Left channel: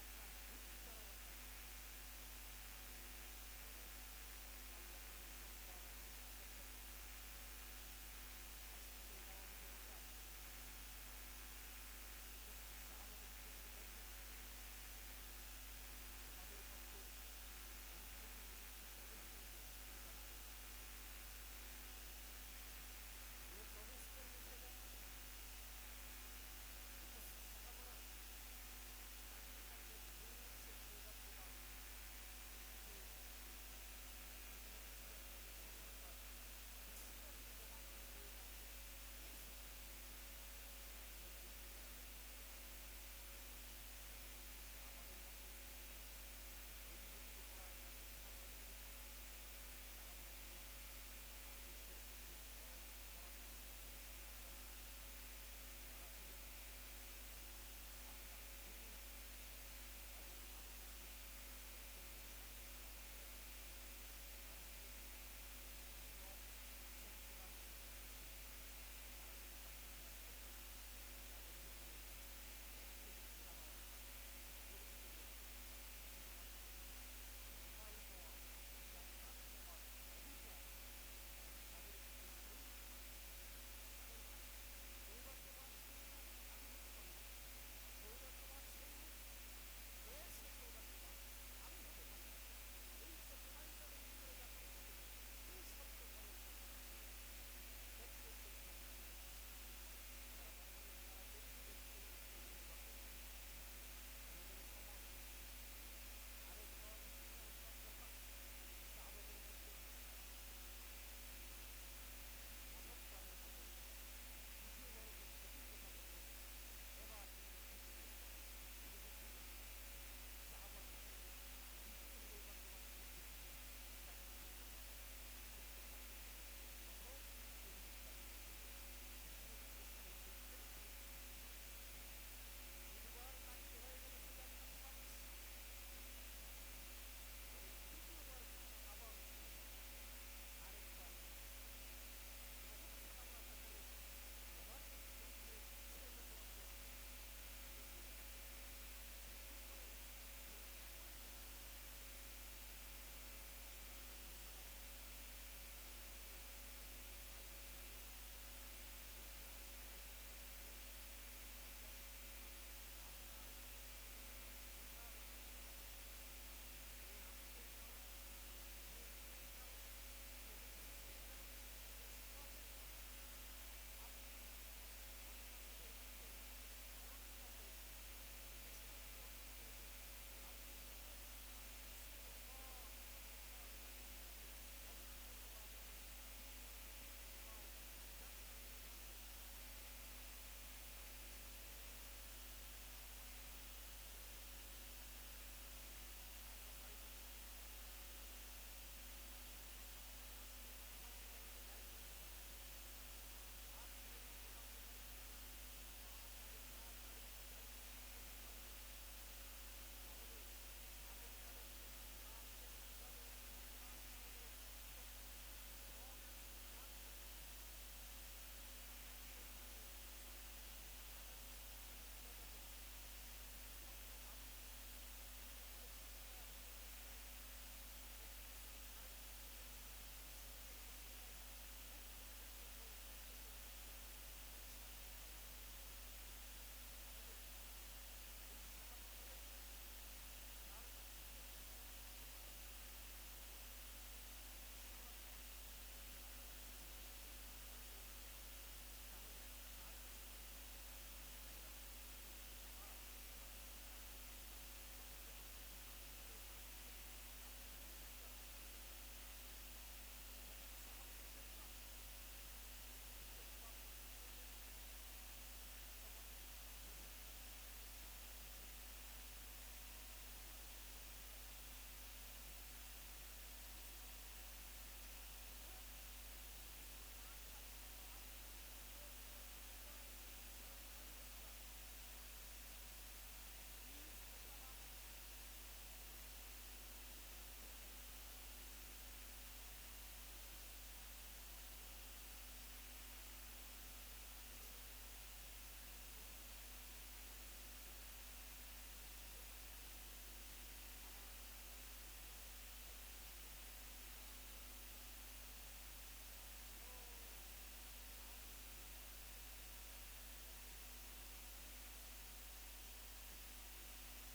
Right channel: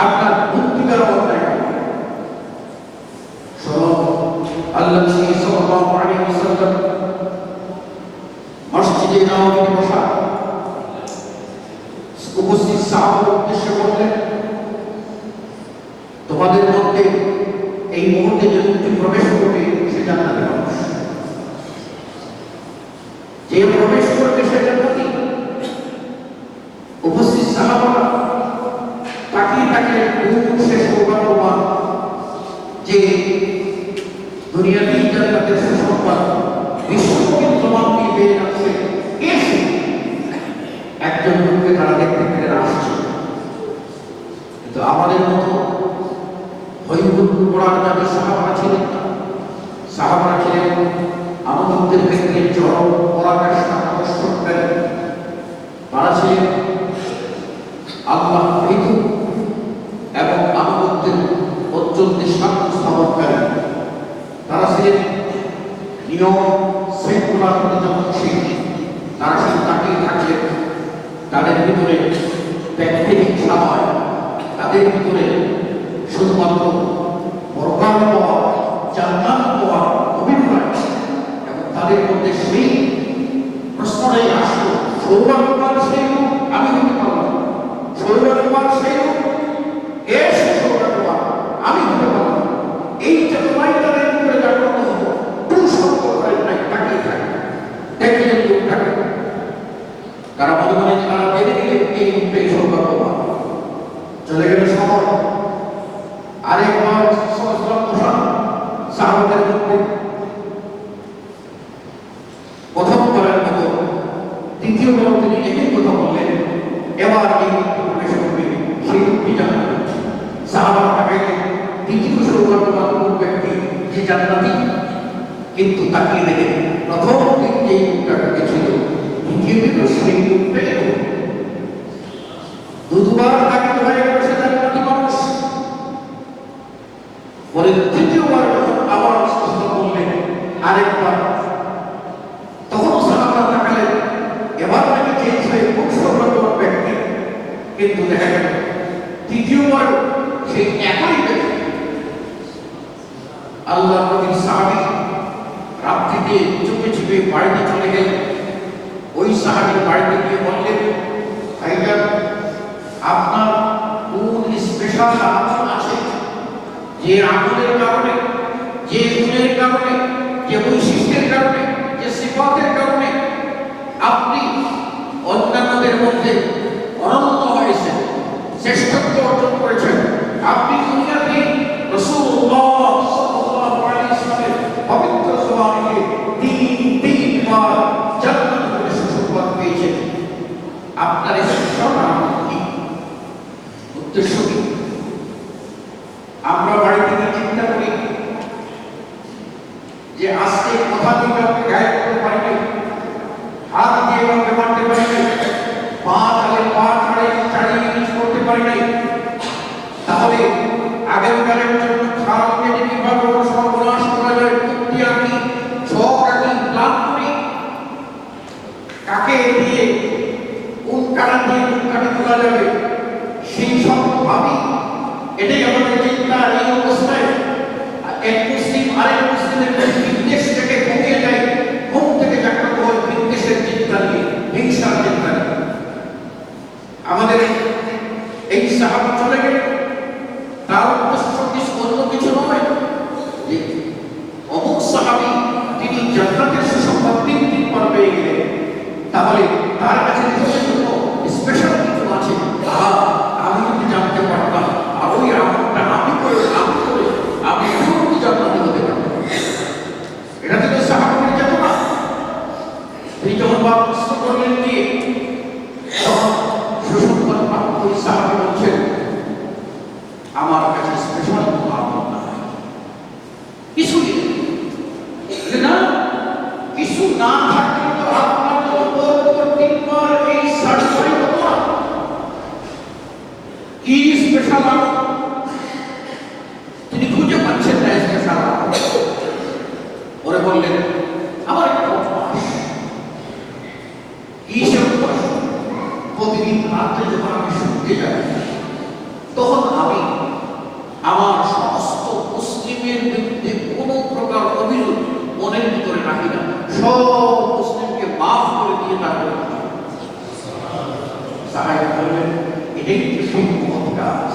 আপনার মুক্তির অবস্থায় আল্লাহ নবী সাল্লাল্লাহু আলাইহি ওয়াসাল্লাম মসজিদে নববীতে বসা উপস্থিত সাহাবাদের উদ্দেশ্যে বললেন, তোমাদের মধ্যে এই মুহূর্তে যে ব্যক্তি প্রবেশ করবে সে জান্নাতের মানুষ, যে প্রবেশ করবে সে জান্নাতি। উপস্থিত সাহাবারা তাকিয়ে তাকিয়ে কোন সে সৌভাগ্যবান যে দুনিয়াতেই জান্নাতের সুসংবাদ বিশ্বব্যাপী প্রমাণ দিয়ে পেয়ে যাচ্ছে। এসে একজন লোককে তারা দেখতে পেরে আসছে, কিন্তু আমাদের মতো হৈহুল্লোড় করার যাদের সাহাবারা ছিলেন না। সাহাবারা ছিলেন আমাদের ক্ষেত্রে চরম পরাকাষ্ঠা আবশ্যককারী। তারা ছিলেন আল্লাহ ভীত এবং আমাদের অত্যন্ত শান্ত স্থাপনকারী। তারা ছিলেন নিয়ম শৃঙ্খলার প্রতি যত্নশীল। তারা শুধু তাকিয়ে থাকলেন, তাদের ভিতরে ব্যক্তি হিংসা হয়, তাদের ভিতরে শুধুমাত্র পরকাল পাওয়া, জান্নাত পাওয়া অভিপ্রায়, এবং তাদের মধ্যে সেই প্রশ্নটাই আসলো, সৌভাগ্যবান সেই লোক আমি হতে পারলাম, সৌভাগ্যবান সেই লোক সে সৌভাগ্যবান আমি হতে পারলাম। এই চেতনাই তাদের ভিতরে জাগ্রত হতো। কোন সম্পর্কের নাই তাকিয়ে থাকে, দেখলেন লোকটাকে, তারা মনে মনে তারা বেঁধে দিলেন এই লোকটাই সৌভাগ্যবান। চলে গেল শহর, আরেকবার সাহাবাদের মধ্যে প্রথমবারের মতো দ্বিতীয়বার তিনি একই কথা বললেন, এবার এই ব্যক্তি প্রবেশ করবে সেই ব্যক্তি জান্নাতি। সাহাবারা তাকাইলেন, দ্বিতীয় সৌভাগ্যবান কোন ব্যক্তি যে জান্নাতি, কিন্তু তাকিয়ে দেখেন প্রথম দিন যে লোকটাকে গেছিল দ্বিতীয় দিনও সেই লোকটাই দুবার তাকিয়ে হয়ে গেল সে জান্নাতি মানুষ। পরে তৃতীয়বার যখন আবার কথা বললেন আরেকবার, তখন সাহাবারা তাকালেন, এবার নাকি চেঞ্জ হয়ে খুব সৌভাগ্যবান ব্যক্তি, কিন্তু দেখা গেল তৃতীয়বার সেই একই ব্যক্তি। আল্লাহ নবীর সাহাবী রাত্রিতে চুপে চুপে বাড়িতে চলে গেলেন। ওই সাহাবীর বাড়িতে গিয়ে বললেন, ভাইজান আপনার কোন স্পেশাল আমল আছে, যে আমলের কারণে, যে গুণের কারণে, যে বৈশিষ্ট্যের কারণে, যে সিফাতের কারণে আপনি অন্যান্যদের মধ্যে অনন্য হয়েছেন, শ্রেষ্ঠত্ব অর্জন করেছেন। আপনি দুনিয়াতে রাসূলুল্লাহ সাল্লাল্লাহু আলাইহি ওয়াসাল্লামের পবিত্র জবানে তিনবার জান্নাত প্রবেশ সুসংবাদ পেয়েছেন। আপনার এই সরকার কি উদ্দেশ্য কি? আমরা বাড়িতে গিয়ে চিন্তা করি যে আজকে কথা দিয়ে কাউকে গায়ে করতে পারি নাই, হাত দিয়ে কাউকে মারতে পারি নাই, পা তালে পা ছাড়িয়ে নিচ করতে পারি নাই, তাহলে আগামীকালের জন্য খারাপকে যে কিভাবে সর্বনাশ করা যায় বুদ্ধি আঁকি, ছক আঁকি, প্ল্যান করি, কাকে দিয়ে কোন কাটা দিয়ে কোন কাটে তোলা যাবে সেই সব ভাবি। এটাই আমাদের চিন্তা। এই অবস্থায় এক মুসলিম আরেক মুসলিমের বিদ্বেষ থেকে ঘুমিয়ে যায়, ঘুম থেকে জাগ্রত হয় বিদ্বেষের চিন্তা নিয়ে, হিংসার চিন্তা নিয়ে। আমাদের এই সাহাবা চলে গেল, তার উদ্দেশ্য অন্য কিছু নয় যে অমুক সাহাবী তিনি জান্নাতের সুসংবাদ 3 দিন পর পেয়ে গেলেন, তাহলে তার কাছে স্পেশাল কিছু আছে। আমি যদি জানতে পারতাম আর ওই আমলটা আমি করে আমি এখনই জান্নাতি হতে পারতাম। এটা থেকে সাহাবাদের চেতনা। তিনি যখন প্রশ্ন করলেন কি সুসংবাদ প্রাপ্ত ওই সাহাবী বলছেন, আমার কাছে স্পেশাল কোনো আমল না, কিছুই না, কিছু না থাকলে তো আপনার তো 3বার এই সার্টিফাই হতো না। কি স্পেশাল আমল তিনি খুঁজে পাচ্ছেন না। স্পেশাল আমল ওরে বললেন, আমার একটা অভ্যাস। কি সে অভ্যাস? প্রতিদিন রাত্রে যখন আমি শুনতে যাই তখন এটাই সেই মহৎ কাজ,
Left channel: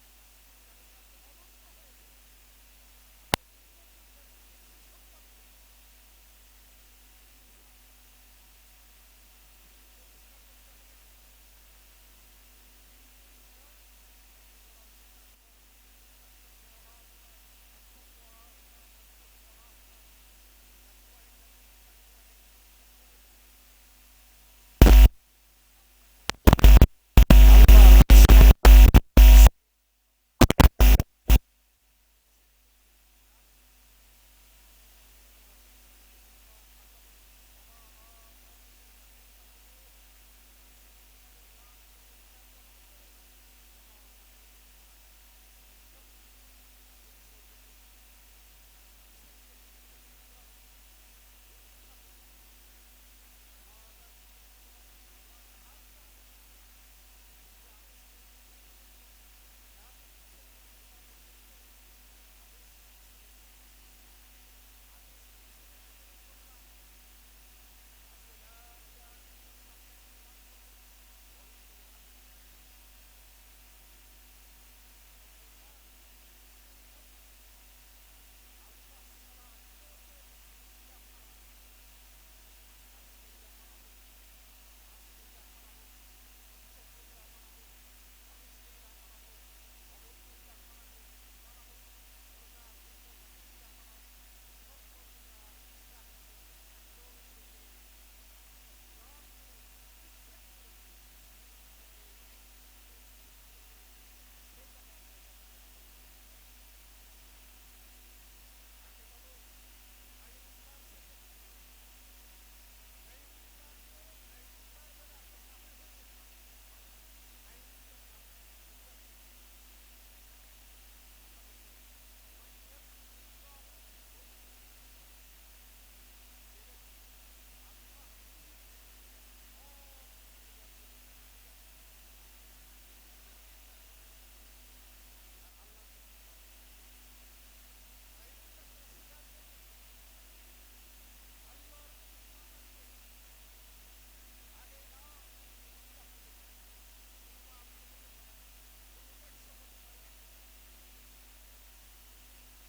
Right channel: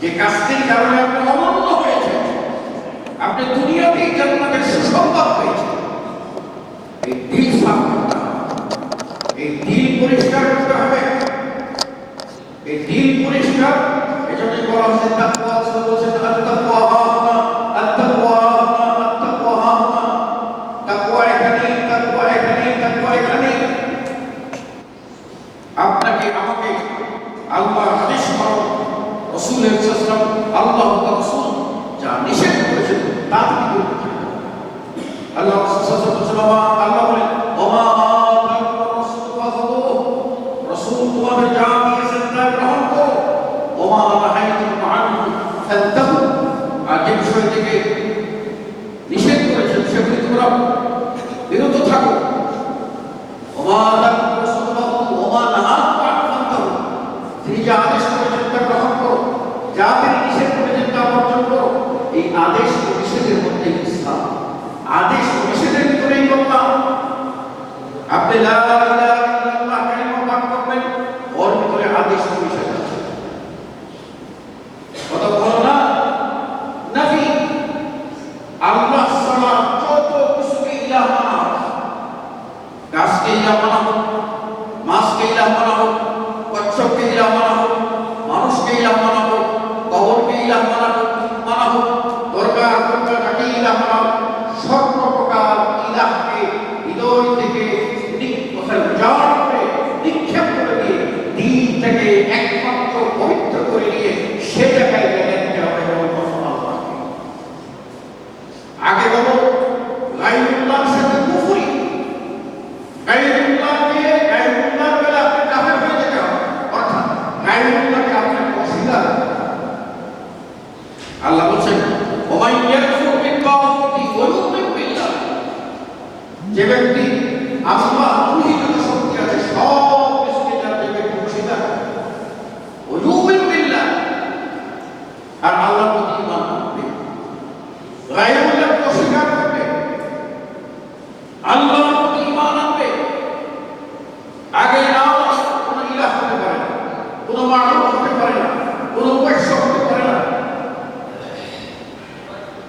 যে কাজটির কারণে আপনি অনন্য হয়েছে, আপনি দুনিয়াতেই জান্নাতের সুসংবাদ পেয়েছেন। এই দিল সাফ করতে হবে, এই দিল পরিষ্কার করতে হবে, এই দিল পরিষ্কার। এজন্য বলা হচ্ছে তাকওয়া, বলছেন আত-তাকওয়া হাহুনা, আত-তাকওয়া হাহুনা, আত-তাকওয়া হাহুনা। তাকওয়া এখানে, তাকওয়া এখানে, তাকওয়া এখানে। আপনাকে আমাকে আল্লাহর আদেশ পালন, রাসূলের সাল্লাল্লাহু আল্লাহ ওয়া রাসূল যা নিষেধ করেছেন তা থেকে করতে হবে। আল্লাহ সাল্লাল্লাহু আল্লাহ বলেন ওমা আতাকুর রাসূল ফাখুযুহু, রাসূল তোমাদের যা দিয়েছেন তা গ্রহণ করো। ওমা নাহাইতুকুম আনহু ফান্তাহু, আর যে বিষয় থেকে নিষেধ করেছেন সেগুলি তোমরা বিরত থাকো। ওমা আতাকুর রাসূল ফাখুযুহু ওমা নাহাকুম আনহু ফান্তাহু, তিনি যা আদেশ করেছেন তা গ্রহণ করো, যা তিনি নিষেধ করেছেন তা বর্জন করো। এই আদেশ ও নিষেধের মধ্যে ইসলাম, আদেশ ও নিষেধের ভিতরেই করলাম। আপনি লা ইলাহা ইল্লাল্লাহ কালিমা পাঠ করবেন, ওর ভিতরে আদেশ ও নিষেধ আছে। কত বড় না নবী, আল্লাহ ছাড়া যত কিছুকে ইলাহ মানা হয়, গাছকে ইলাহ মানা হোক, মাছকে ইলাহ মানা হোক, কচ্ছপকে ইলাহ মানা হোক, মানুষকে ইলাহ মানা হোক, কবরকে ইলাহ মানা হোক, দরগা দরগাটাকে ইলাহ মানা হোক, সর্বপ্রকার ইলাহকে হৃদয় থেকে নিক্ষেপ করে দিয়ে দিল থেকে একমাত্র পবিত্র করে নিয়ে সে জায়গায় দেখতে হবে আল্লাহকে। আগে বলো গায়রুল্লাহর সাথে কুফরি, গায়রুল্লাহকে গায়রুল্লাহর বেলা আপনি কাফের হয়ে যেতে হবে, অর্থাৎ গায়রুল্লাহকে আপনার অস্বীকার। আল্লাহ বলছেন ওমান ইয়াকফুর বিত-তাগুতি ওয়া ইউমিন বিল্লাহ, যে ব্যক্তি আল্লাহ রূহিত শক্তি আছে সব কিছুকে যার যে ব্যক্তি অস্বীকার ওয়া ইউমিন বিল্লাহ, আর আল্লাহর প্রতি ঈমান আনবে, গায়রুল্লাহকে অস্বীকার করবে, আল্লাহর প্রতি ঈমান আনবে। আগে নাও কোন ইলাহ হতে পারে না, কোন মাবুদ হতে পারে না, কোন উপাস্য হতে পারে না,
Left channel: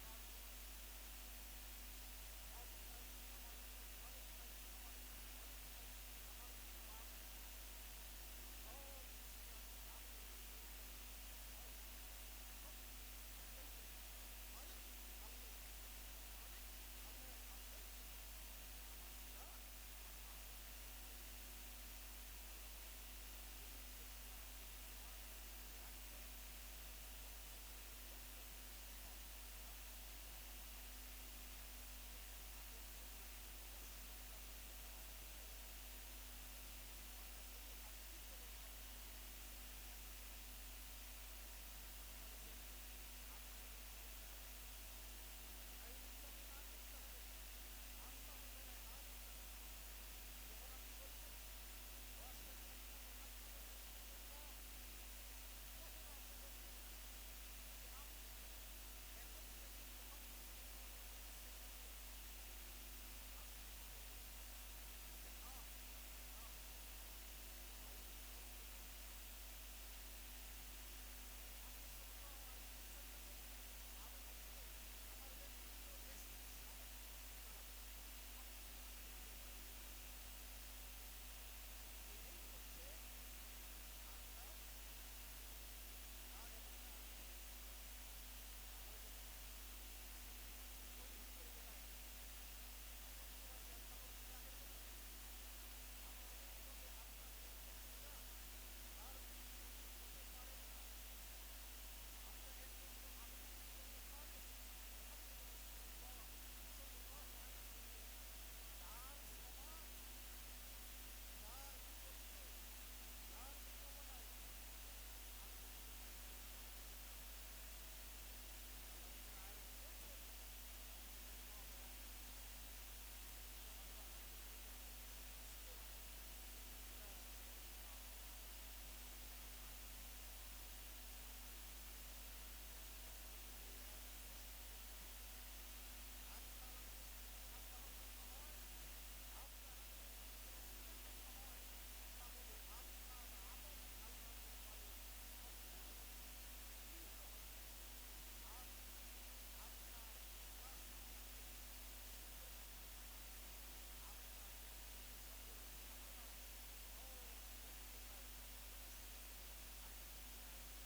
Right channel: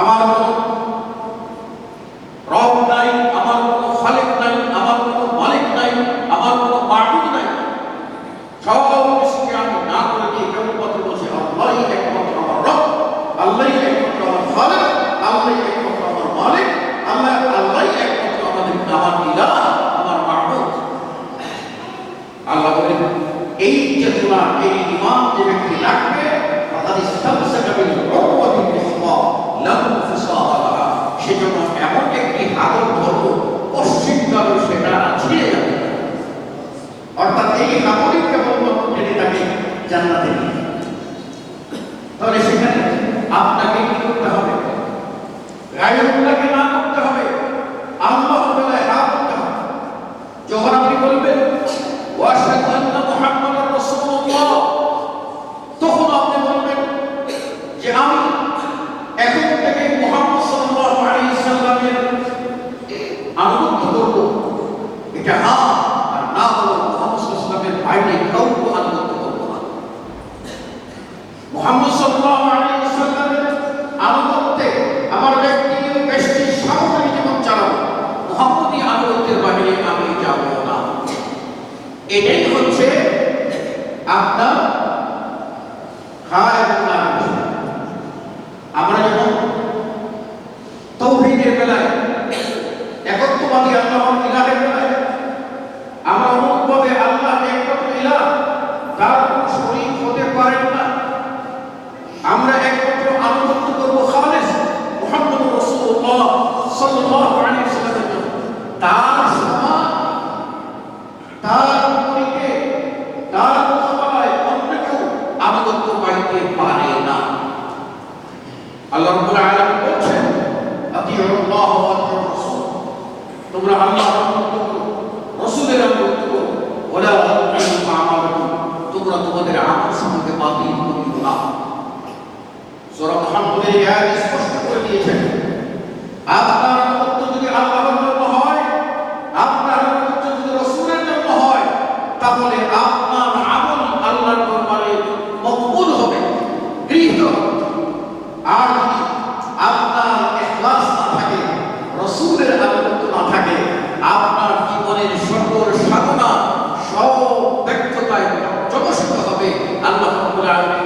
আমার কোনো রব নাই, আমার কোনো খালিক নাই, আমার কোনো মালিক নাই, আমার কোনো মাবুদ নাই। সব কিছুকে আমি না করে দিয়ে কেবলমাত্র বলছি আল্লাহই একমাত্র আমার রব, আল্লাহই একমাত্র আমার খালিক, আল্লাহই একমাত্র আমার মালিক, আল্লাহই একমাত্র আমার ইলাহ, আমার মাবুদ। আল্লাহ বলেন এই চেতনা, এই ঈমান যে ব্যক্তি রাখবে, ফাকাদ ইসতামসাকা বিল উরওয়াতিল উসকা লা ইনফিসালা লাহা, সেজন্য এমন একটি হাতল ধরো অস্বীকার সেটা ছিঁড়ে যাবে। অর্থাৎ এই হাতলই কেবলমাত্র টেনে তাকে জান্নাতে নিয়ে যাবে। তাহলে সেখানে আপনাকে কি করতে হবে? গায়রুল্লাহকে না করতে হবে, আল্লাহর বেলায় না করতে হবে। যখন আপনি বলবেন ওয়াশহাদু আন্না মুহাম্মাদার রাসূলুল্লাহ, তখন আপনি বলবেন যে আমি এখন থেকে মুহাম্মদ সাল্লাল্লাহু আলাইহি সাল্লামের আনুগত্য করব। এটা হ্যাঁ আর না হলো মুহাম্মদ সাল্লাল্লাহু আলাইহি সাল্লামের বাইরে কাউকে আনুগত্য করব না। মুহাম্মদ সাল্লাল্লাহু আলাইহি সাল্লামের আনুগত্যে আমার ব্যক্তিগত ব্যষ্টির সামগ্রিক জীবন চালাবো, মুহাম্মদী আনুগত্যের বাইরে আমি যাব না। এটাই হচ্ছে আপনার খায়রুল্লাহ। আমরা যখন তাওহীদের বেলায়, একত্ববাদী আল্লাহর ইলাহের বেলায় আমরা অনুভবে আল্লাহ একমাত্র ইলাহ, তার কোনো শরীক হতে পারেন না, আমরা একমাত্র আনুগত্য করব খালেস মুহাম্মদুর রাসূলুল্লাহ সাল্লাল্লাহু আলাইহি ওয়াসাল্লামের জন্য। তার সমান, তার বিপরীতে, তার মোকাবেলায় অন্য কেউ আনুগত্য পাইতে পারে না। আল্লাহ রাব্বুল আলামিন বলছেন আতিউল্লাহ ওয়া আতিউর রাসূল, তোমরা আল্লাহর আনুগত্য করো, রাসূলের আনুগত্য করো, ওয়ালা তাতিউ আমালাকুম, তোমরা তোমাদের আমলসমূহকে বাতিল করিও না। সূরা মুহাম্মদের এই আয়াত স্পষ্ট করে দিয়েছেন আপনার আনুগত্য যদি আল্লাহর জন্য হয়, আপনার আনুগত্য যদি রাসূলের জন্য হয়, তাহলে আপনার আমল আল্লাহর দরবারে করে আসবে